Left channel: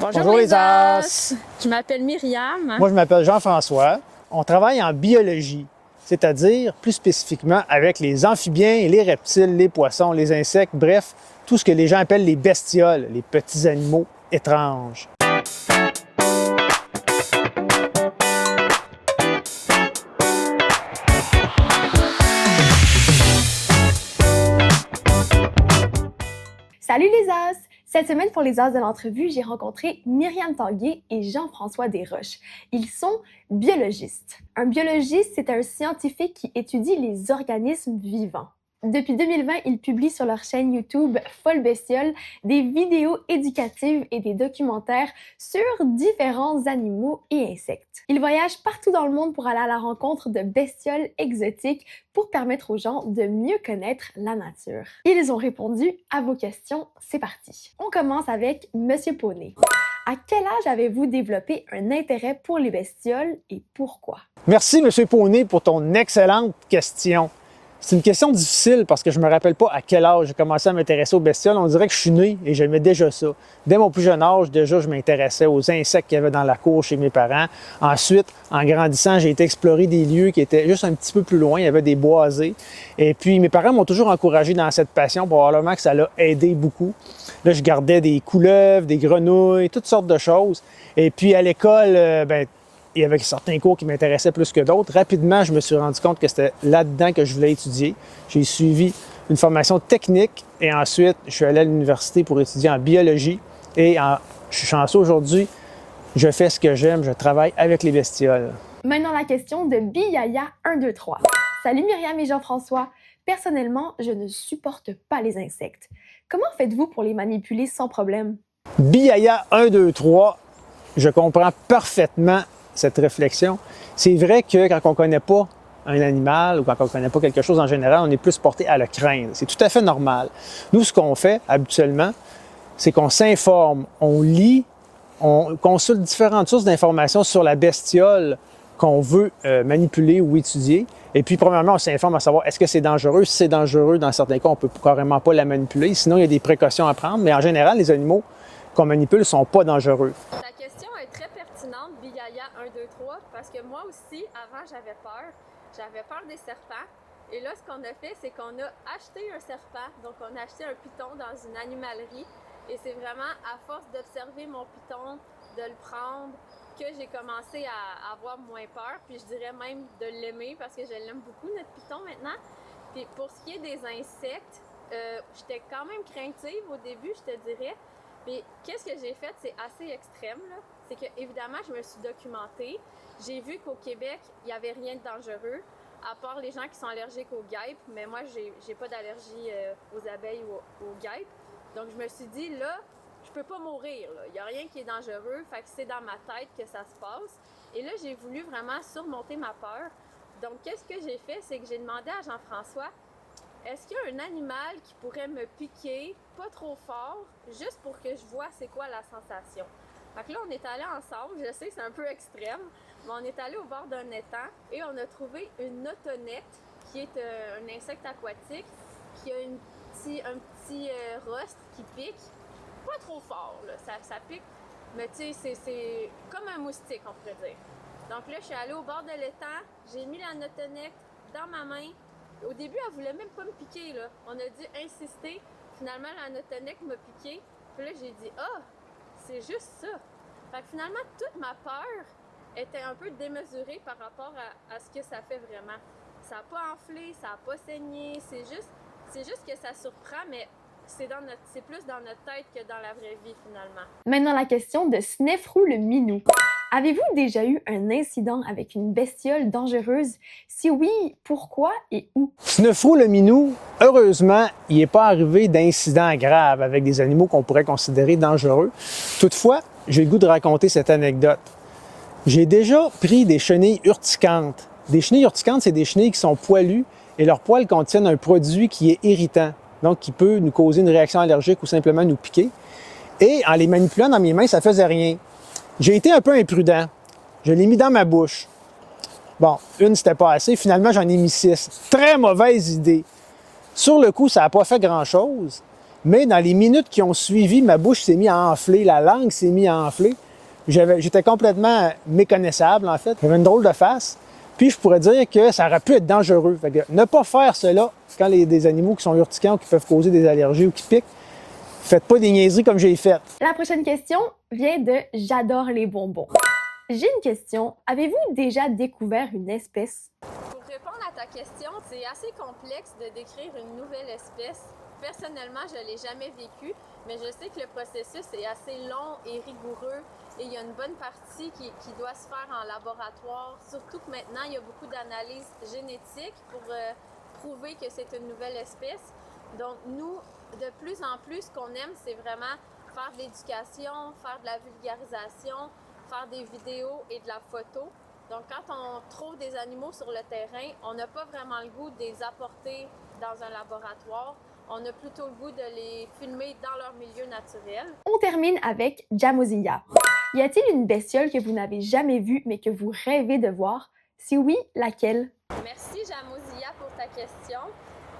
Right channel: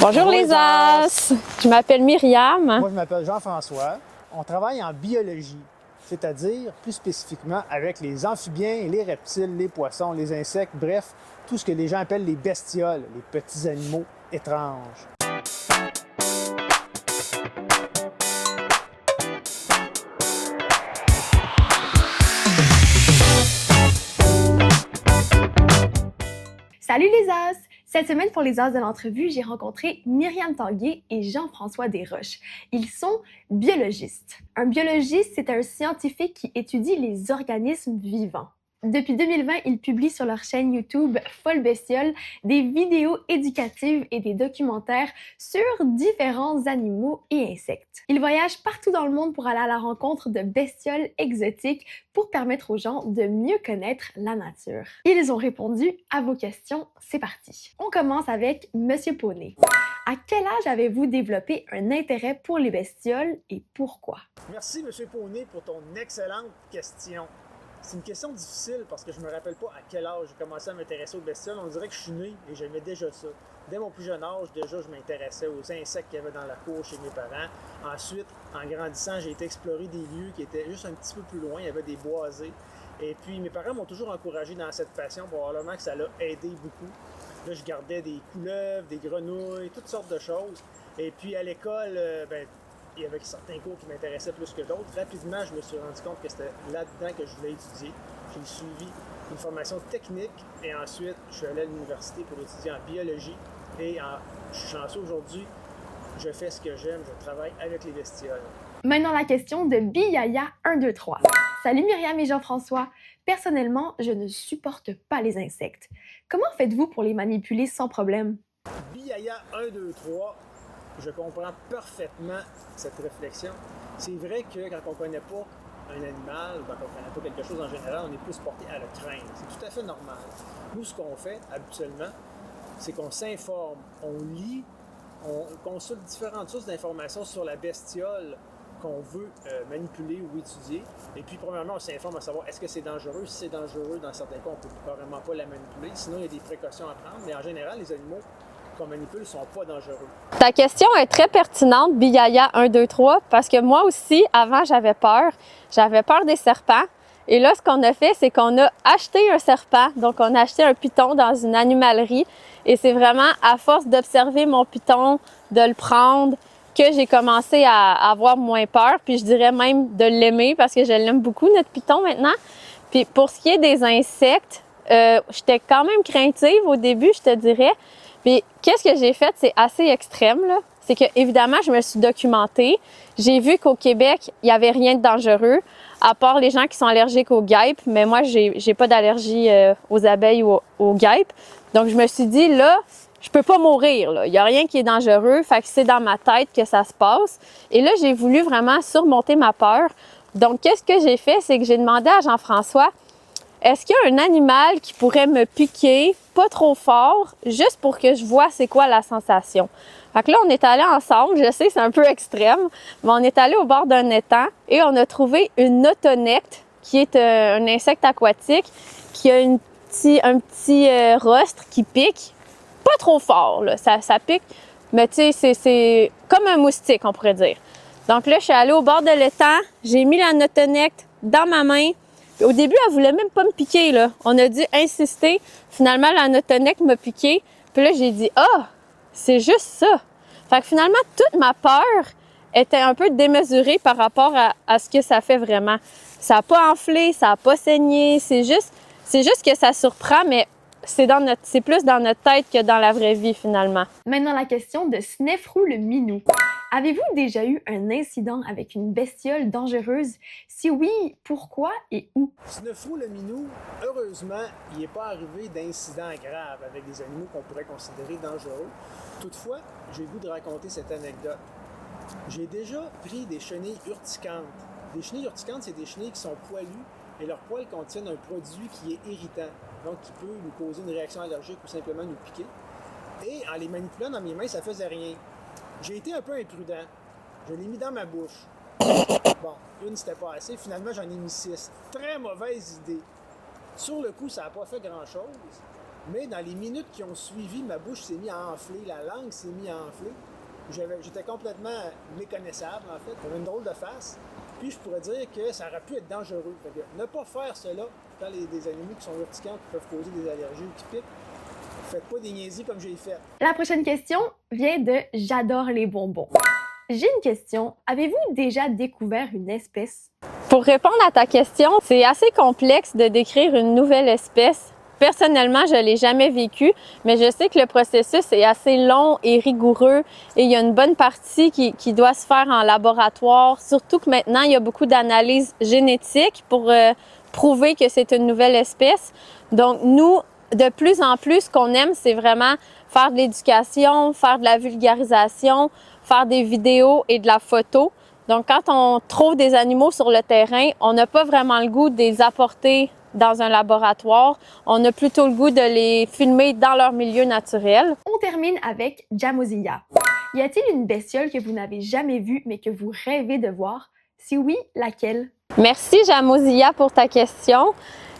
Bonjour les As! Je m'appelle Myriam. Moi, je m'appelle Jean-François. On travaille en biologie, c'est-à-dire plus spécifiquement avec les amphibiens, les reptiles, les poissons, les insectes, bref, tout ce que les gens appellent les bestioles, les petits animaux étranges. Salut les As! Cette semaine, pour les As de l'entrevue, j'ai rencontré Myriam Tanguay et Jean-François Desroches. Ils sont biologistes. Un biologiste, c'est un scientifique qui étudie les organismes vivants. Depuis 2020, ils publient sur leur chaîne YouTube Folle Bestiole des vidéos éducatives et des documentaires sur différents animaux et insectes. Ils voyagent partout dans le monde pour aller à la rencontre de bestioles exotiques pour permettre aux gens de mieux connaître la nature. Ils ont répondu à vos questions. C'est parti. On commence avec Monsieur Poney. À quel âge avez-vous développé un intérêt pour les bestioles et pourquoi? Merci, Monsieur Poney, pour ton excellente question. C'est une question difficile parce que je ne me rappelle pas à quel âge j'ai commencé à m'intéresser aux bestioles. On dirait que je suis né et j'aimais déjà ça. Dès mon plus jeune âge, déjà, je m'intéressais aux insectes qu'il y avait dans la cour chez mes parents. Ensuite, en grandissant, j'ai été explorer des lieux qui étaient juste un petit peu plus loin. Il y avait des boisés. Et puis, mes parents m'ont toujours encouragé dans cette passion. Probablement que ça l'a aidé beaucoup. Là, je gardais des couleuvres, des grenouilles, toutes sortes de choses. Et puis, à l'école, il y avait certains cours qui m'intéressaient plus que d'autres. Rapidement, je me suis rendu compte que c'était là-dedans que je voulais étudier. J'ai suivi une formation technique et ensuite, je suis allé à l'université pour étudier en biologie. Et je suis chanceux aujourd'hui, je fais ce que j'aime, je travaille avec les bestioles. Maintenant, la question de Biyaya 123. Salut Myriam et Jean-François. Personnellement, je ne supporte pas les insectes. Comment faites-vous pour les manipuler sans problème? Biyaya 123, je comprends parfaitement cette réflexion. C'est vrai que quand on ne connaît pas un animal ou quand on ne connaît pas quelque chose en général, on est plus porté à le craindre. C'est tout à fait normal. Nous, ce qu'on fait habituellement, c'est qu'on s'informe, on lit, on consulte différentes sources d'informations sur la bestiole qu'on veut manipuler ou étudier. Et puis, premièrement, on s'informe à savoir est-ce que c'est dangereux. Si c'est dangereux, dans certains cas, on ne peut carrément pas la manipuler. Sinon, il y a des précautions à prendre. Mais en général, les animaux qu'on manipule ne sont pas dangereux. Ta question est très pertinente, Biyaya 123, parce que moi aussi, avant, j'avais peur. J'avais peur des serpents. Et là, ce qu'on a fait, c'est qu'on a acheté un serpent. Donc, on a acheté un python dans une animalerie. Et c'est vraiment à force d'observer mon python, de le prendre, que j'ai commencé à avoir moins peur. Puis je dirais même de l'aimer parce que je l'aime beaucoup, notre python, maintenant. Puis pour ce qui est des insectes, j'étais quand même craintive au début, je te dirais. Puis, qu'est-ce que j'ai fait? C'est assez extrême, là. C'est que, évidemment, je me suis documentée. J'ai vu qu'au Québec, il n'y avait rien de dangereux, à part les gens qui sont allergiques aux guêpes. Mais moi, j'ai pas d'allergie aux abeilles ou aux guêpes. Donc, je me suis dit, là, je peux pas mourir, là. Il n'y a rien qui est dangereux. Fait que c'est dans ma tête que ça se passe. Et là, j'ai voulu vraiment surmonter ma peur. Donc, qu'est-ce que j'ai fait? C'est que j'ai demandé à Jean-François, est-ce qu'il y a un animal qui pourrait me piquer, pas trop fort, juste pour que je vois c'est quoi la sensation? Fait que là, on est allés ensemble, je sais, c'est un peu extrême, mais on est allés au bord d'un étang et on a trouvé une autonecte, qui est un insecte aquatique, qui a un petit rostre qui pique, pas trop fort, là, ça pique, mais tu sais, c'est comme un moustique, on pourrait dire. Donc là, je suis allée au bord de l'étang, j'ai mis la autonecte dans ma main. Au début, elle voulait même pas me piquer, là. On a dû insister. Finalement, la notonec m'a piqué. Puis là, j'ai dit « Ah, c'est juste ça! » Fait que finalement, toute ma peur était un peu démesurée par rapport à ce que ça fait vraiment. Ça n'a pas enflé, ça n'a pas saigné. C'est juste que ça surprend, mais c'est plus dans notre tête que dans la vraie vie, finalement. Maintenant, la question de Snefrou le Minou. Avez-vous déjà eu un incident avec une bestiole dangereuse? Si oui, pourquoi et où? Snefrou le minou, heureusement, il n'est pas arrivé d'incidents graves avec des animaux qu'on pourrait considérer dangereux. Toutefois, j'ai le goût de raconter cette anecdote. J'ai déjà pris des chenilles urticantes. Des chenilles urticantes, c'est des chenilles qui sont poilues et leurs poils contiennent un produit qui est irritant, donc qui peut nous causer une réaction allergique ou simplement nous piquer. Et en les manipulant dans mes mains, ça ne faisait rien. J'ai été un peu imprudent. Je l'ai mis dans ma bouche. Bon, une, c'était pas assez. Finalement, j'en ai mis 6. Très mauvaise idée. Sur le coup, ça n'a pas fait grand-chose. Mais dans les minutes qui ont suivi, ma bouche s'est mise à enfler, la langue s'est mise à enfler. J'étais complètement méconnaissable, en fait. J'avais une drôle de face. Puis je pourrais dire que ça aurait pu être dangereux. Fait que ne pas faire cela quand des animaux qui sont urticants ou qui peuvent causer des allergies ou qui piquent, faites pas des niaiseries comme j'ai fait. La prochaine question vient de J'adore les bonbons. J'ai une question. Avez-vous déjà découvert une espèce? Pour répondre à ta question, c'est assez complexe de décrire une nouvelle espèce. Personnellement, je ne l'ai jamais vécu, mais je sais que le processus est assez long et rigoureux et il y a une bonne partie qui doit se faire en laboratoire, surtout que maintenant, il y a beaucoup d'analyses génétiques pour prouver que c'est une nouvelle espèce. Donc, nous, de plus en plus, ce qu'on aime, c'est vraiment faire de l'éducation, faire de la vulgarisation, faire des vidéos et de la photo. Donc, quand on trouve des animaux sur le terrain, on n'a pas vraiment le goût de les apporter dans un laboratoire. On a plutôt le goût de les filmer dans leur milieu naturel. On termine avec Jamosilia. Y a-t-il une bestiole que vous n'avez jamais vue mais que vous rêvez de voir? Si oui, laquelle? Merci Jamosilia pour ta question.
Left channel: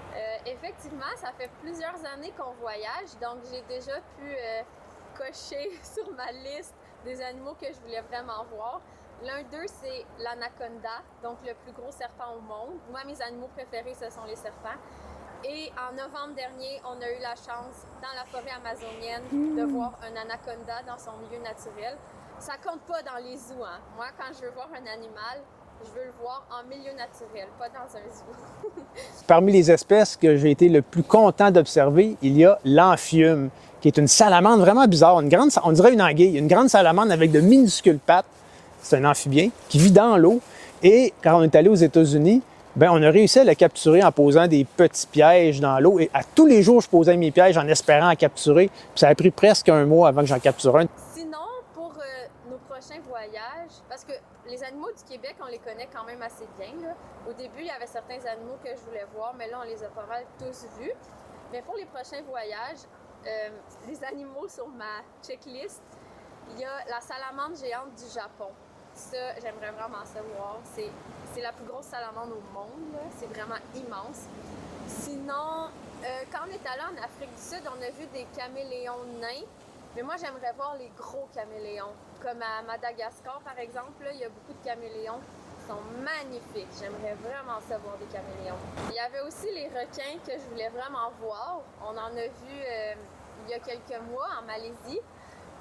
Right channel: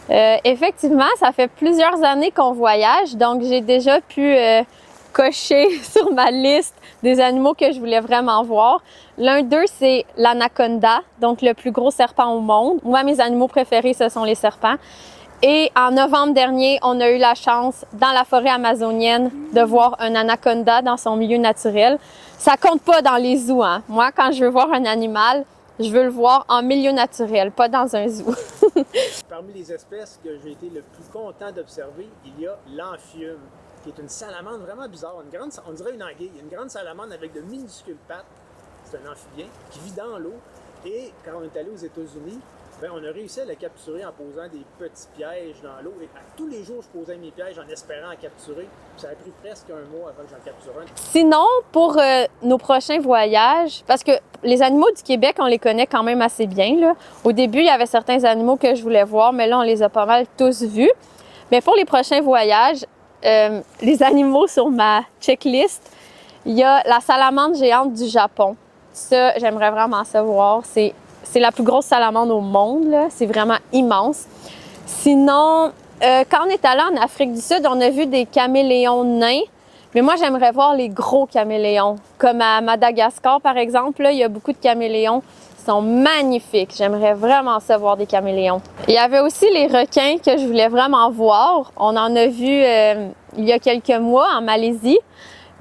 Effectivement, ça fait plusieurs années qu'on voyage, donc j'ai déjà pu cocher sur ma liste des animaux que je voulais vraiment voir. L'un d'eux, c'est l'anaconda, donc le plus gros serpent au monde. Moi, mes animaux préférés, ce sont les serpents. Et en novembre dernier, on a eu la chance, dans la forêt amazonienne, de voir un anaconda dans son milieu naturel. Ça compte pas dans les zoos, hein. Moi, quand je veux voir un animal, je veux le voir en milieu naturel, pas dans un zoo. Parmi les espèces que j'ai été le plus content d'observer, il y a l'amphium, qui est une salamandre vraiment bizarre. On dirait une anguille, une grande salamandre avec de minuscules pattes. C'est un amphibien qui vit dans l'eau. Et quand on est allé aux États-Unis, on a réussi à le capturer en posant des petits pièges dans l'eau. Et à tous les jours, je posais mes pièges en espérant en capturer. Puis ça a pris presque un mois avant que j'en capture un. Sinon, pour nos prochains voyages, parce que les animaux du Québec, on les connaît quand même assez bien, là. Au début, il y avait certains animaux que je voulais voir, mais là, on les a pas mal tous vus. Mais pour les prochains voyages, les animaux sur ma checklist, il y a la salamandre géante du Japon. Ça, j'aimerais vraiment savoir. C'est la plus grosse salamandre au monde, là. C'est vraiment immense. Sinon, quand on est allé en Afrique du Sud, on a vu des caméléons nains. Mais moi, j'aimerais voir les gros caméléons. Comme à Madagascar, par exemple, là, il y a beaucoup de caméléons qui sont magnifiques. J'aimerais vraiment ça voir des caméléons. Il y avait aussi les requins que je voulais vraiment voir. On en a vu il y a quelques mois en Malaisie.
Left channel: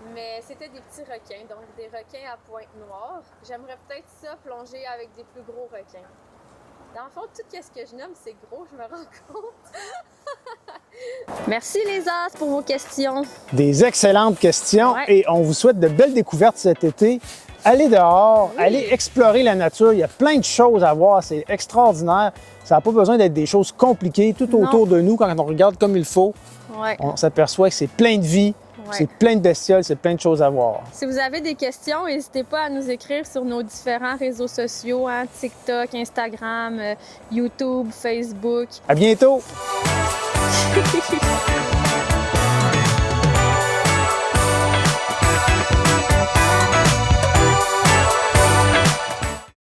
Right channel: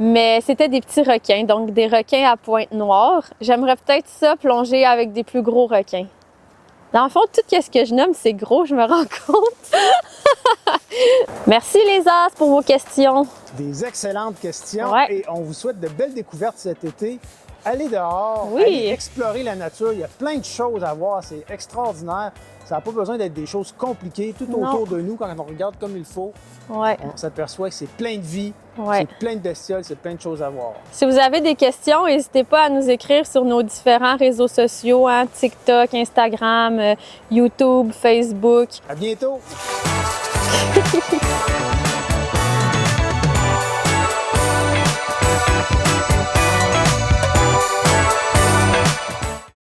Mais c'était des petits requins, donc des requins à pointe noire. J'aimerais peut-être ça plonger avec des plus gros requins. Dans le fond, tout ce que je nomme, c'est gros, je me rends compte. Merci les as pour vos questions. Des excellentes questions. Ouais. Et on vous souhaite de belles découvertes cet été. Allez dehors, Oui. allez explorer la nature. Il y a plein de choses à voir. C'est extraordinaire. Ça n'a pas besoin d'être des choses compliquées. Tout Non. autour de nous, quand on regarde comme il faut, Ouais. on s'aperçoit que c'est plein de vie, Ouais. c'est plein de bestioles, c'est plein de choses à voir. Si vous avez des questions, n'hésitez pas à nous écrire sur nos différents réseaux sociaux, hein, TikTok, Instagram, YouTube, Facebook. À bientôt!